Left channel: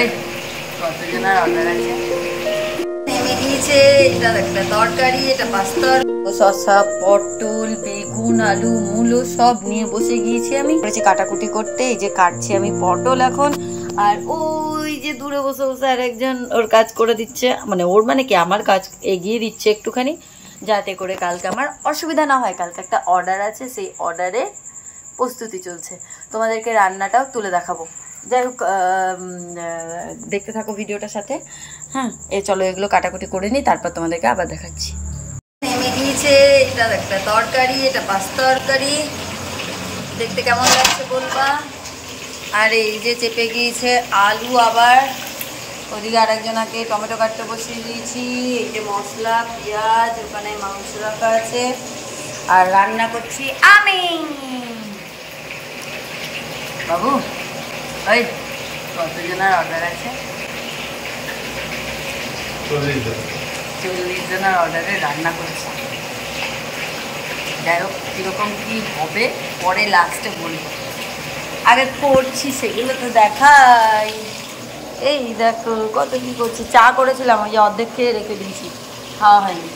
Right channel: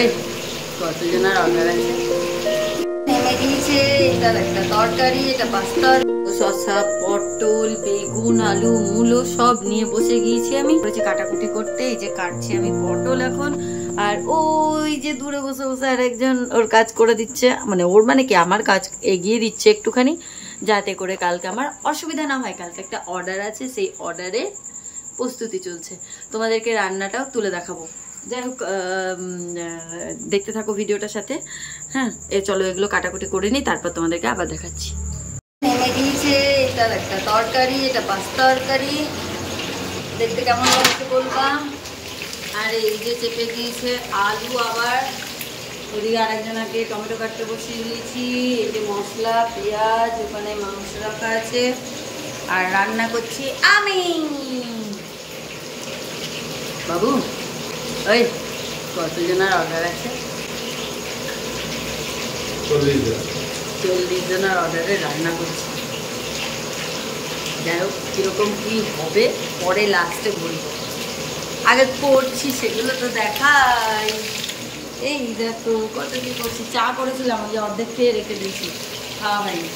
ওই কতজনের অর্ডার আছে। নেমে গিয়েছে, এটা একটা তরকারি, এটা পাস্তা, শসা, পটল, বেগুন, আলু, মূলো সব নিয়ে বসে গিয়েছি। আমি করেছি কাটাকুটি করতে, এই যে কাটছি আমি পটল এখন। আর ওই যে দূরে বসে বসে আর একজন ওর কাজ করে দিচ্ছে, মানে ওর মানে কি আমার কাজ এগিয়ে দিচ্ছে একটুখানি, যাতে করে কালকে আমার অসুবিধা না হয়। কালকে একটা অর্ডার আছে, সেই অর্ডারে প্রস্তুতি চলছে, তোমাদেরকে রান্নাটাও তুলে দেখাবো। যাই হোক, দেখতে থাকো ভিডিওটার সাথে। হ্যাঁ, চলো এগুলো কাটাকুটি করে নিই, তারপর তোমাদেরকে আবার দেখাচ্ছি। নেমে গিয়েছে, এটা একটা তরকারি, এটা পাস্তা তরকারি, দেখতে কেমন লাগছে বলবা। আর এই যে চেপে গিয়েছে আলু, আবার ওদিকে আরেকজনাকে টমেটো কাটতে বসিয়ে দিয়েছি। এই যে মশলা, পেঁয়াজ, ওখানে মাংস রাখা আছে, আর রান্না করছি আমি। বাবু ওই কতজনের অর্ডার আছে? 40 জনের অর্ডারে রান্না করছি। যাই হোক, কীরকম কী হবে পরে লাস্টে বলবো, আগে করছি সেগুলো তো দেখাই। এই দেখো কত কী করছি। চা করেছিলাম, ওই যে অর্ধেক খেয়ে রেখে দিয়েছি, খাওয়া হয়নি।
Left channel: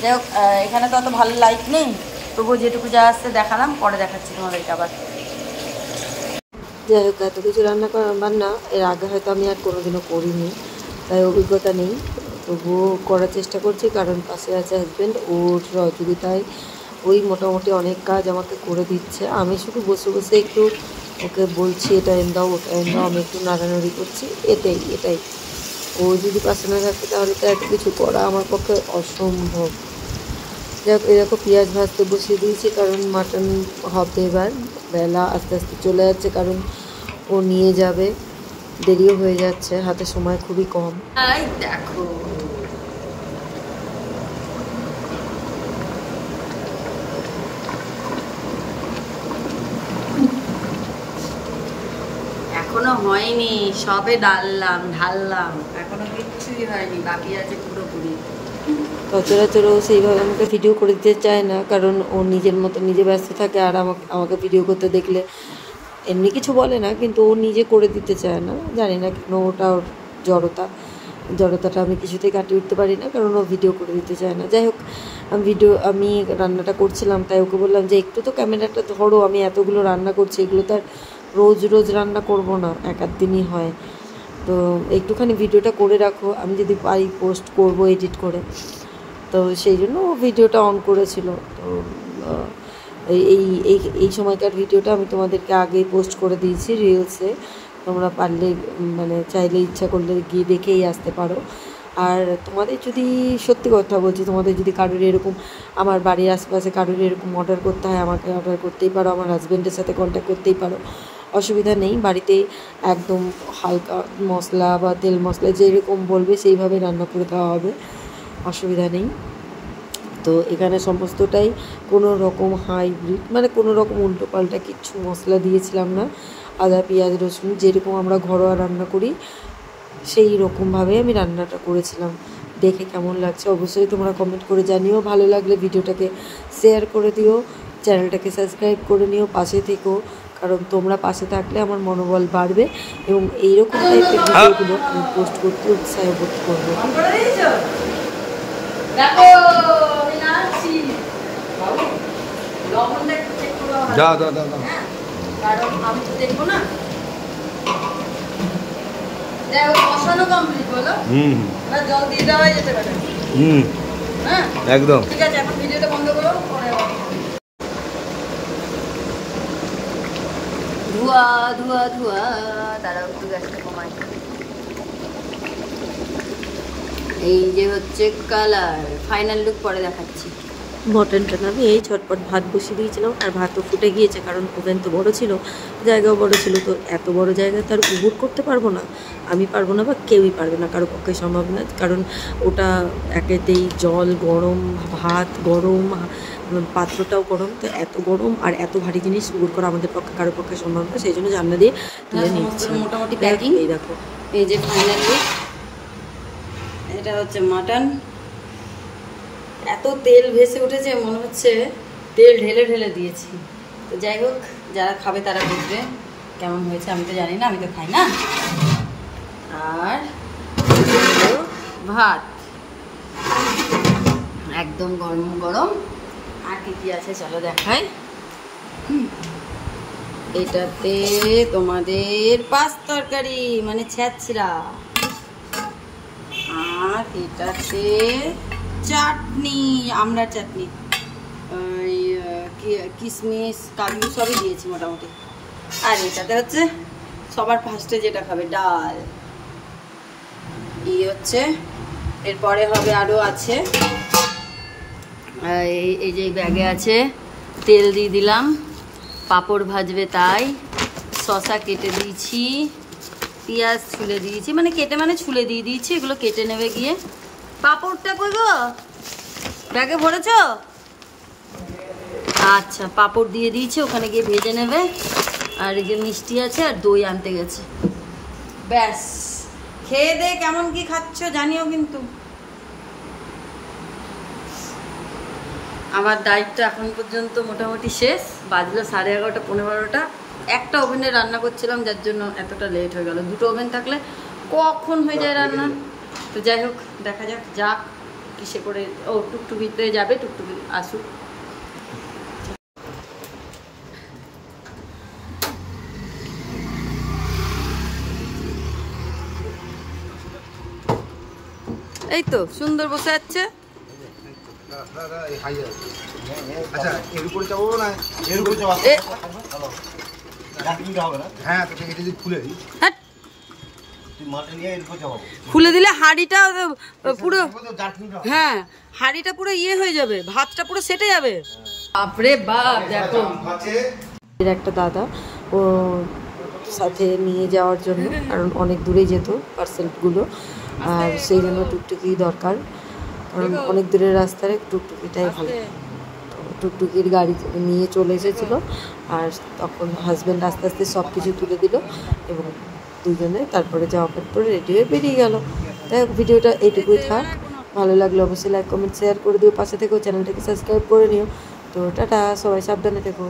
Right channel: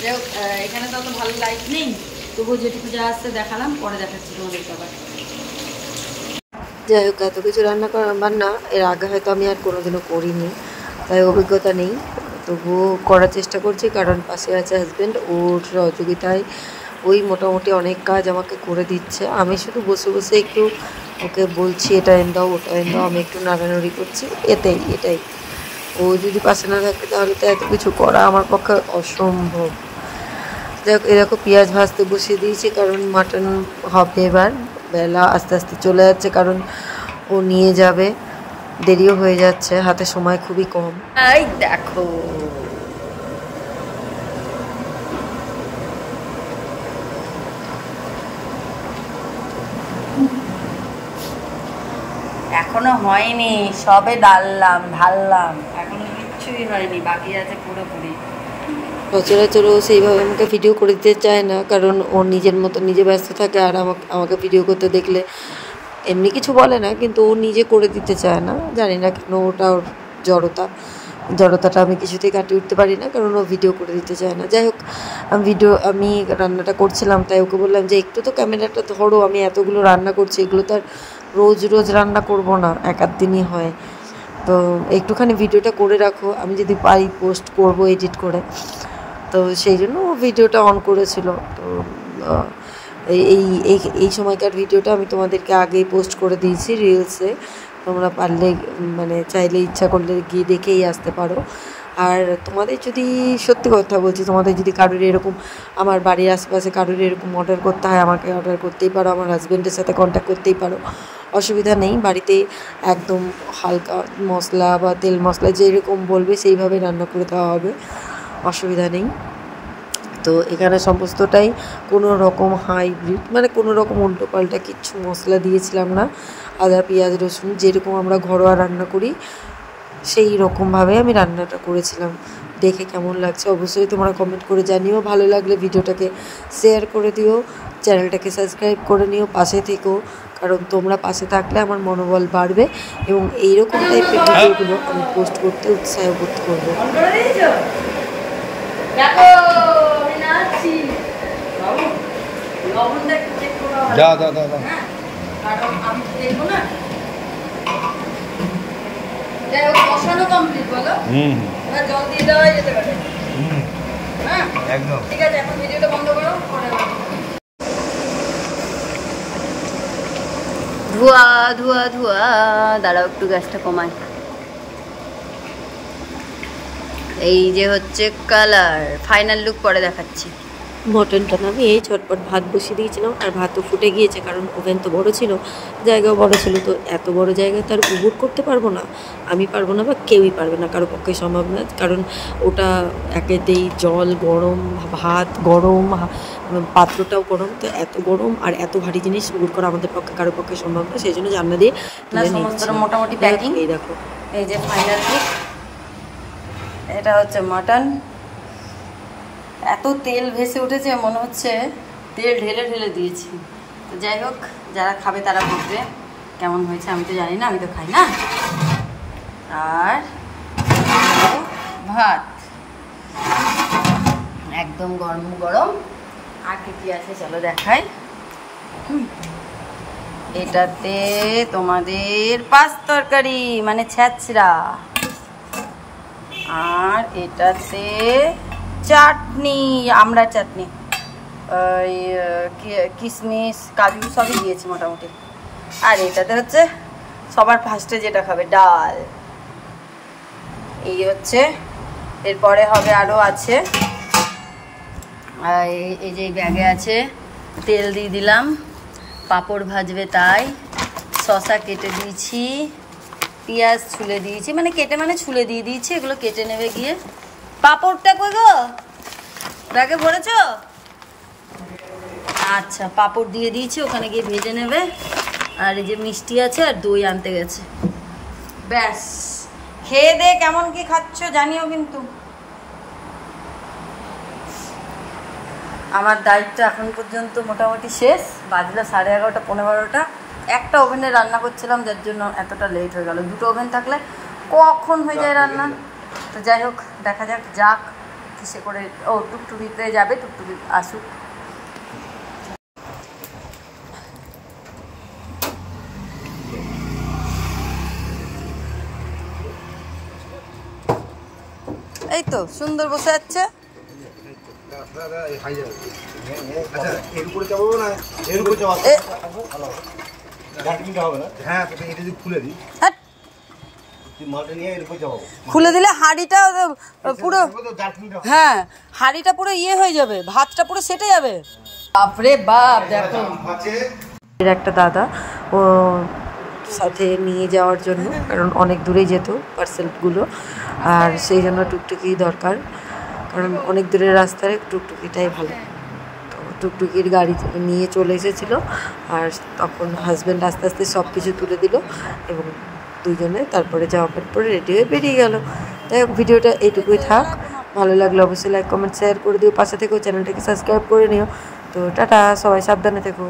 যাই হোক, এখানে তো অত ভালো লাইট নেই, তবুও যেটুকু যা আসছে দেখালাম, পরে দেখাচ্ছি তোমাদেরকে আবার। যাই হোক, এত কিছু রান্না বান্না এর আগে হয়তো আমি আর কোনোদিনও করিনি, তাই অভিজ্ঞতা নেই, তবুও করার চেষ্টা করছি, কারণ পাশে আছে হাজব্যান্ড, ওর সহযোগিতায় ওই মোটামুটি অনেক কাজ আমাকে করে দিচ্ছে। আমি শুধু বসে বসে একটু ওকে বলছি এটা এনে দাও, ওটা এনে দাও, আমি একটু নাড়ানাড়ি করছি, এটাই। ও যদি পাশে না থাকে তাহলে তো এত কিছু করা আমার পক্ষে অসম্ভব। দেখ, এরকম পেঁয়াজ ভাজতে বসিয়ে দিয়েছি, কারণ মাটন হবে এবার। বেলা আস্তে আস্তে চলে যাচ্ছে, কারণ ও নিয়ে যাবে, দেরিও হয়ে যাচ্ছে, হাতে সময় খুবই কম। এই দেখো এখনো হয়নি, সবে ঢাললাম, এখনো কিচ্ছুই হয়নি, বাকি আছে পুরোপুরি। সচরাচর ও সেইভাবে আমাকে ভিডিও করে দিতে চায় না, কারণ ও নিজের মতো নিজে ব্যস্ত থাকে, আর আমাকে ভিডিও করতে দেখলে এমনি কিছু বলে না, কিন্তু ও নিজে করে দিতে চায় না, জানি না কেন। ওটা ওর জড়তাটা আমি কিছুতেই কাটিয়ে উঠতে পারি না, কারণ ও ভিডিও করে দিতে চায় না। যাই হোক, আমি রান্নাটা করছিলাম, তাই ওকে বললাম যে একটু তো ক্যামেরাটা ধরো, আমি এতগুলো রান্না করছি, এগুলো তো আর রোজ রান্না করব না, এক আধ দিনই হয়, তো একটুখানি ভিডিওটা করে রাখো, আমি যদি পারি পোস্ট করব এডিট করে। তো সেই জন্য ও ভিডিওটা অন করেছিল। তো এই সময়কার ভিডিওটা আমি তোমাদেরকে আগেই পোস্ট করে দিয়েছি রিলসে, তোমরা পারলে মানে চাইলে ইচ্ছা করলে গিয়ে দেখেই আসতে পারো। আর তোমাদের যদি, সত্যি কথা বলছি, তোমাদের যদি কারোর এরকম, আমার বাড়ির আশেপাশে কারোর এরকম অর্ডার করতে হয়, আমাকে অর্ডার করতেই পারো, আমার হাজব্যান্ডের সাথে কন্ট্যাক্ট করতেই পারো, অসুবিধা নেই। বাড়িতে একদম হালকা মশলা বা তেল মশলা যেরকম বলবে সেইভাবে রান্না করে দেওয়া হবে, অসুবিধা নেই। তো এখানে সমস্তটাই কোনো রকম হাইব্রিড, মানে কোনো রকম উল্টোপাল্টা কিচ্ছু মশলা দিয়েছিলাম না। আদা, পেঁয়াজ, রসুন যেরকম আমরা ঘরোয়া রান্না করি সেই রকমভাবে আমি রান্নাটা করেছিলাম। দেখে কেমন লাগছে অবশ্যই তোমরা কমেন্ট করে জানিও, ভালো লাগলে ভিডিওটাকে শেয়ার করে দিও, চ্যানেলটাকে সাবস্ক্রাইব করে নিও, পাশে থেকো, কারণ তোমরা পাশে থাকলে আমার মনোবল বাড়বে এবং এইরকম টাইপের ভিডিওগুলো আমি পোস্ট করতে উৎসাহ বোধ করবো। একদম ঠিক আছে, এখন ভিডিওটা বন্ধ করো, পরে ধোয়া ধোয়া ধোয়া। দাঁড়াও একটু গ্যাসটা কমাই। এই যে হচ্ছে কালার, ফাইনাল লুক পরে দেখাচ্ছি। মটনটা আমি এই ঝটপট ভাত বসিয়ে দিয়েছিলাম, আর ভাতও ফুটে গিয়েছে, কারণ ওভেন তো বড় ছিল, জায়গাও বড় ছিল, তো এত বড় জায়গায় তার উবুর করতে পারবো না, আমি পারবো না বা কেউই পারবে না, কারো পক্ষে সম্ভব না, কারণ ওটা একেতেই জল গরম, ভাত গরম, পাত্রটাও গরম, তো এত গরম আর এত ভারী জিনিস উবুর করা আমাদের পক্ষে কারো পক্ষে সম্ভব না, সেই জন্য জানলা দিয়ে মোটামুটি প্যাকিং। এই দেখো, এই যে ফাইনাল লুক, এটা হচ্ছে মাটন। এত তেল ভেসে উঠেছে, মনে হচ্ছে তেল ঢেলে ঢেলে দিয়েছি। তো যাই হোক, যারা খাবে তারা বুঝবে কেমন হয়েছে, আমি তো জানি না, আমি তো খাই না। আর হলো ভাত, একদম গরম গরম। আর কি কি আছে চলো দেখাই। এটাতে তোমাদের পাঁচ তরকারি মানে ছ্যাঁচড়া, আর এটাতে চাটনি, আমড়ার চাটনি, ওই কিশমিশ কাজু সবই দিয়েছি মোটামুটি। আর এটাতে হচ্ছে সবার ফার্স্টে যেটা খাবে ডাল, এই হচ্ছে। এরপরে হবে আরও আছে, এই যে ব্যাগে আছে, তেল দিয়ে দিলাম, পাঁপড় ভাজবে তাই, শসা কেটে দিয়েছি, পেঁয়াজ ছুলে দিয়েছি, মানে কেটে মানে ছুলে দিয়ে দিয়েছি, এগুলো কেটে নেবে গিয়ে। পাঁপড়টা কই গো, ব্যাগে ভরেছো? আচ্ছা, পাঁপড় দিয়ে দিয়েছি, ওখানে গিয়ে ভেজে নেবে। আর এই যে মিষ্টি আছে, আর দই আনতে গেছে। ব্যাস, খেয়ে দে কেমন কি খাচ্ছ জানিও কিন্তু। আমার ডায়েটটা এখন পর্যন্ত মোটামুটি শেষ, বাজলো 11:30 15:30। একটা ওভেনে রান্না করছিলাম, যার জন্য এতটা লেট হয়ে গেল। দুটো ওভেন থাকলে কখন হয়ে যায় রান্না। তো যাই হোক, দেখা যাক যাক কিসে করে। ও টুকটুকিতে যাবে, টুকটুকি আসুক। এই তো সুন্দর বসে যাচ্ছে। খুলে দিলে হাঁড়িটা পুরো, হ্যাঁ হাঁড়িটা পুরো ইয়ে হয়ে যাবে, ভাতটা পুরো সেটে যাবে। বাপরে বাপ, দেখো এর একটা দাদা ও সাথে নিয়ে যাওয়ার জন্য, কারণ অনেক দূরেই যেত পার্সেলগুলো, আর সেই জন্য টুকটুকি দরকার, কারণ অনেক দূরের রাস্তায় টুকটুকিটাই ভালো। তো টুকটুকির গাড়ি নিয়ে চলে এসেছিলো, আর তখন হাজব্যান্ড আস্তে আস্তে সব কিছু তুলে দিল, এবং দুজনে তারপরে জামা প্যান্ট পরে রেডি হয়ে বেরিয়ে গেল। তাই হোক, ভিডিওটা এইটুকুই থাক। ভালো লাগলে অবশ্যই লাইক কমেন্ট শেয়ার করে দিও, পাশে থেকেও চ্যানেলটাকে সাবস্ক্রাইব করে নিও। তো টাটা, সবাই সাবধানে থেকো।